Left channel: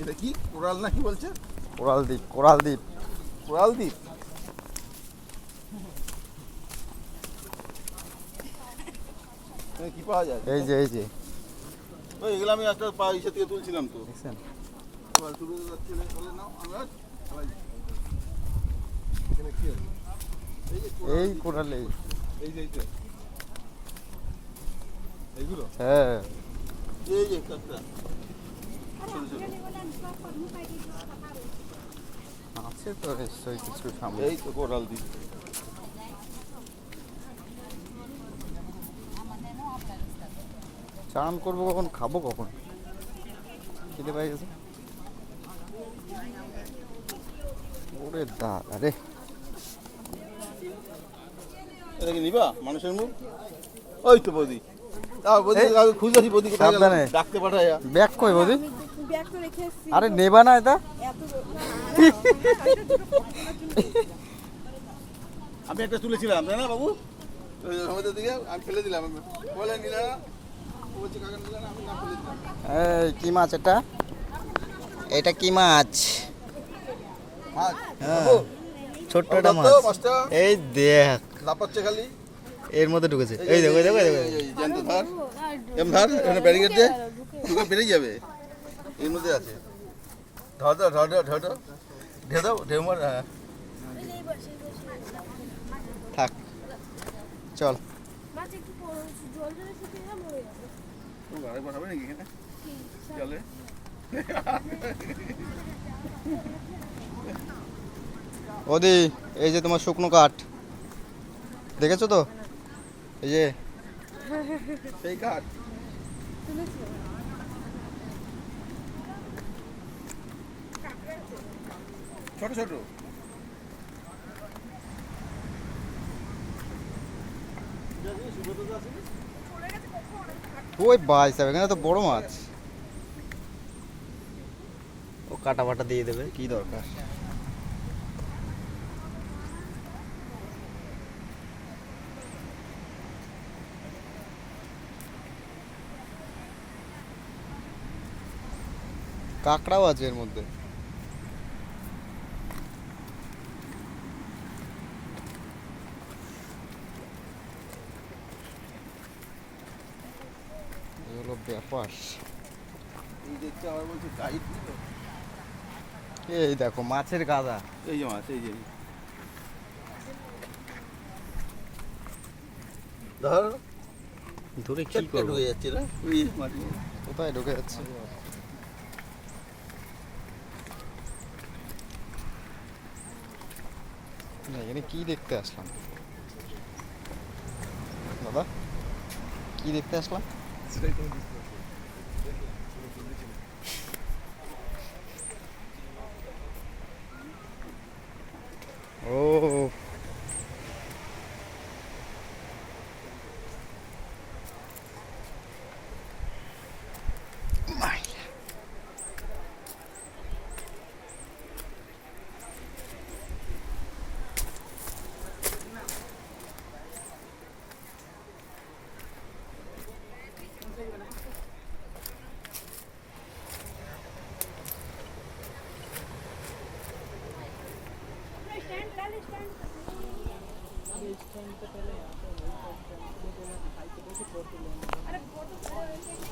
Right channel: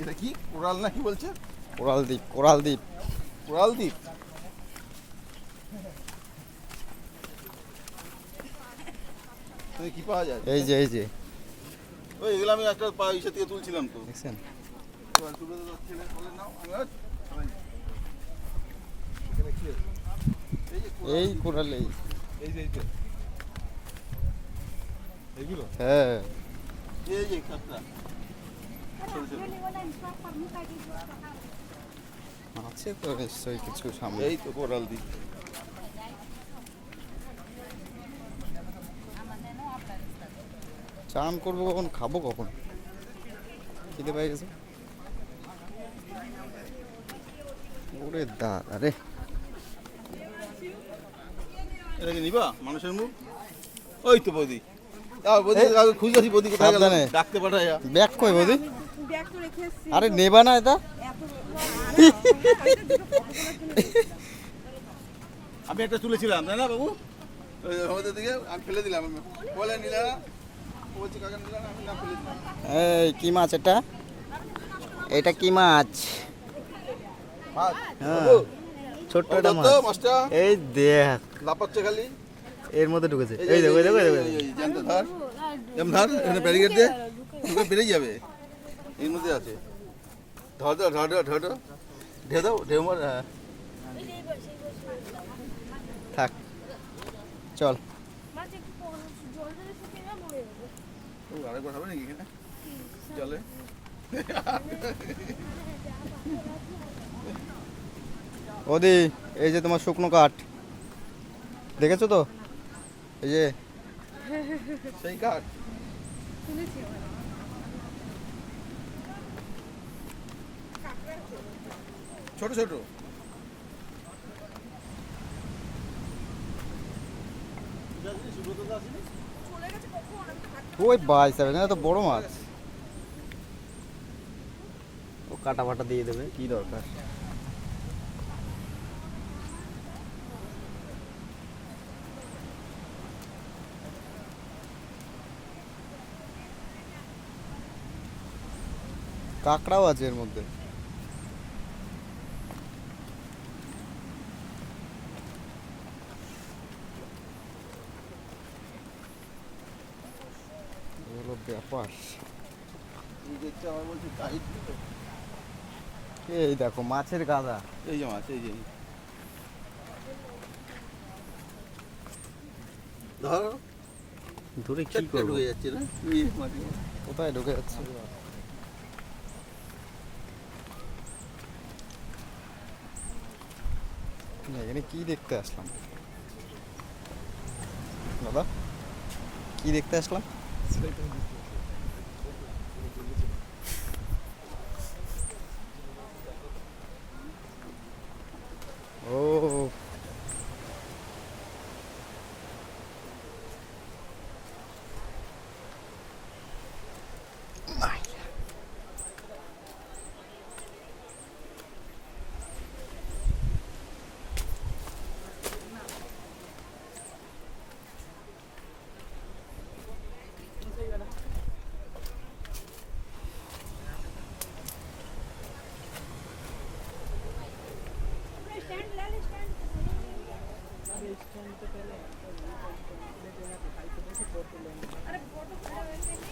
এটা কি কোরাল না কি বলছে? কোরাল দ্বীপ, কোরাল দ্বীপ। কোরাল দ্বীপ। কি পাওয়া যায়? এই যে, এই যে ওই এগুলো আমি একটা ইসে থেকে তুলছিলাম তো। দেখছেন? এই কোরাল, এই এই যে এইগুলো হ্যাঁ। এই যে কাঁকড়া আছে তো নিশ্চয়ই কিছু সামনে। এই তো কোরাল দ্বীপ। চান করবো কখন, খাবো কখন, খিদে পেয়ে গেছে। ওরে দাদা রে, এটা কি নিবা মানুষের মুখ? ওই তো বৌদি, বৌদি খুঁজে বৌদি কোথায় গেল? সাবধানে। ডাকতে পাঠায়। ব্যাগ কই বৌদি? ব্যাগ তো রেখে এসেছি। আরে নেবা না এটা? আমি একটা তুলেছিলাম তাই না বাবু? ওই আমাদের দিকে আমি ফেলে দিলাম, আমি বলে নিলে না, ও বলছে কাকা নিলে না, আমি না ফেলে দিলাম। এই কি মাছ এটা? এটা কি মাছ? মাছ হ্যাঁ, বাবু, ছোট্ট ওটা একটা তো মাছ। মাছটা এই দেখ, লাপাচ্ছে খালি। এর মধ্যে ঢুকেছে। এই দেখো, এই দেখো, এই দেখো। জ্যান্ত ধর, এম ধর, এখানে ব্যারিকেড দিয়ে ঢুকে বেরিয়ে যাবে। এর মধ্যে আছে, ধর ধর ধর ধর ধর ঢেউ দাও, ঢেউ মার। হ্যাঁ থাক, চল। মাছ একটু জল জলে শুকিয়ে গেলে মরে যাবে। তো আরেকবার হবে নাকি এখানে চলে? ওদি, এই যে তোমার শুকনো কাঠ, দেখেছো তো? এই যে সেই কাঠ শুনেছি ছোট ছোট। ওই বাইস, এখানে তো বড় মাছ। ও কাটা ফাটা দিয়ে দেবে, কি দরকার? কাঁকড়াও আছে এর মধ্যে। এগুলো ব্যাপার। এই দেখতে আমার বলছি গাইড দিল। এই দেখো মাছের গাদা। এই যে মাছ, এই যে ধর ধরে কি চটকা করবো? ঢুকে যাচ্ছে না এই মাটি। কোথায় ঢুকে যাচ্ছে? এখানে কি দেখতে আসলাম দাদা? কি দেখতে আসলাম? ও स्टैंड ले ले स्टैंड अरे फोटो खड़े होते हैं